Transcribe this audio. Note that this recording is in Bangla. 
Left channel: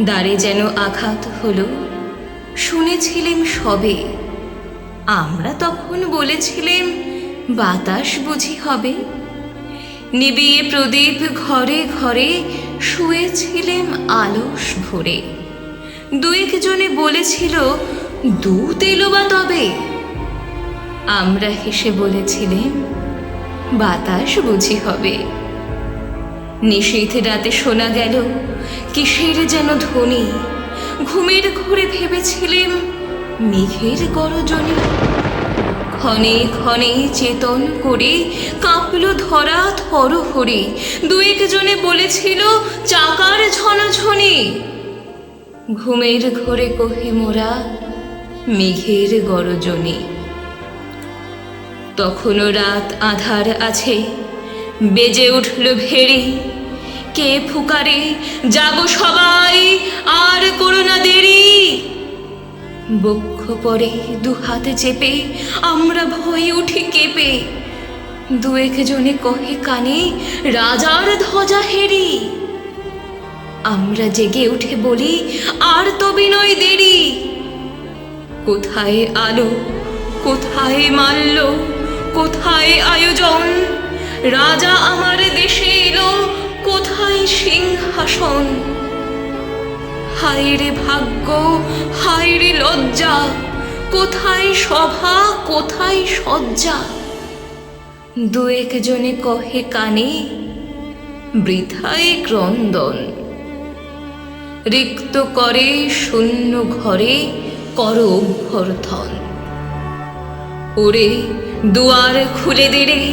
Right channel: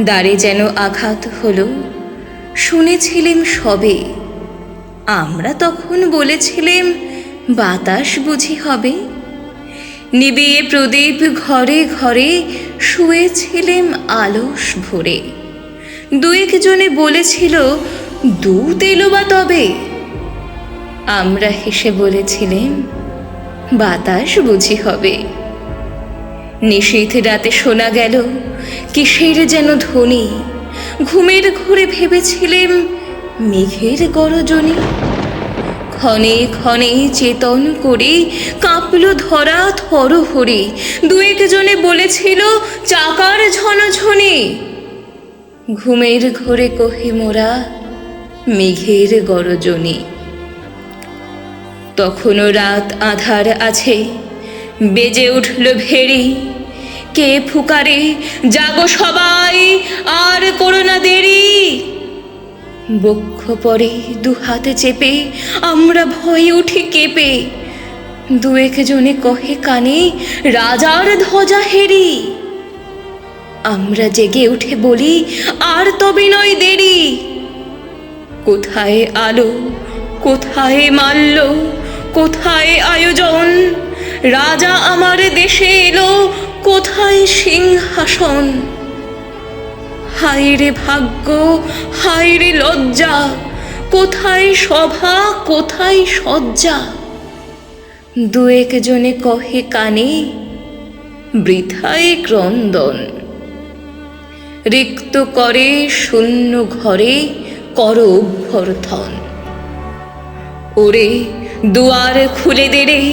দ্বারে যেন আঘাত হলো শুনেছিলেম সবে। আমরা তখন বলেছিলেম বাতাস বুঝি হবে। নিবিয়ে প্রদীপ ঘরে ঘরে শুয়েছিলেম আলস ভরে। দুয়েক জনে বলেছিল দুধ এলো বা তবে? আমরা হেসে বলেছিলেন, বাতাস বুঝি হবে। নিশীথ রাতে শোনা গেল, কিসের যেন ধ্বনি? ঘুমের ঘরে ভেবেছিলেম মেঘের গরজনী। ক্ষণে ক্ষণে চেতন করে কাঁপল ধরা থর হরে দুয়েক জনে বলেছিল চাকার ঝনঝনে। ঘুমের ঘরে কহে মোরা, মেঘের গরজনে। তখনও রাত আধার আছে। বেজে উঠল ভেরি কে ফুকারে? জাগো সবাই, আর করো না দেরি। বক্ষ পরে দু হাতে চেপে, আমরা ভয়ে উঠে কেঁপে। দুয়েক জনে কহে কানে, রাজার ধ্বজা হেরি। আমরা জেগে উঠে বলি, আর তবে নয় দেরি। কোথায় আলো? কোথায় মাল্য? কোথায় আয়োজন? রাজা আমার দেশে এলো, কোথায় সিংহাসন? হায় রে ভাগ্য হায় রে লজ্জা, কোথায় সভা, কোথায় সজ্জা দুয়েক জনে কহে কানে, বৃথায় ক্রন্দন। রিক্ত করে শূন্য ঘরে কর অভ্যর্থন। ওরে দুয়ার খুলে দেরে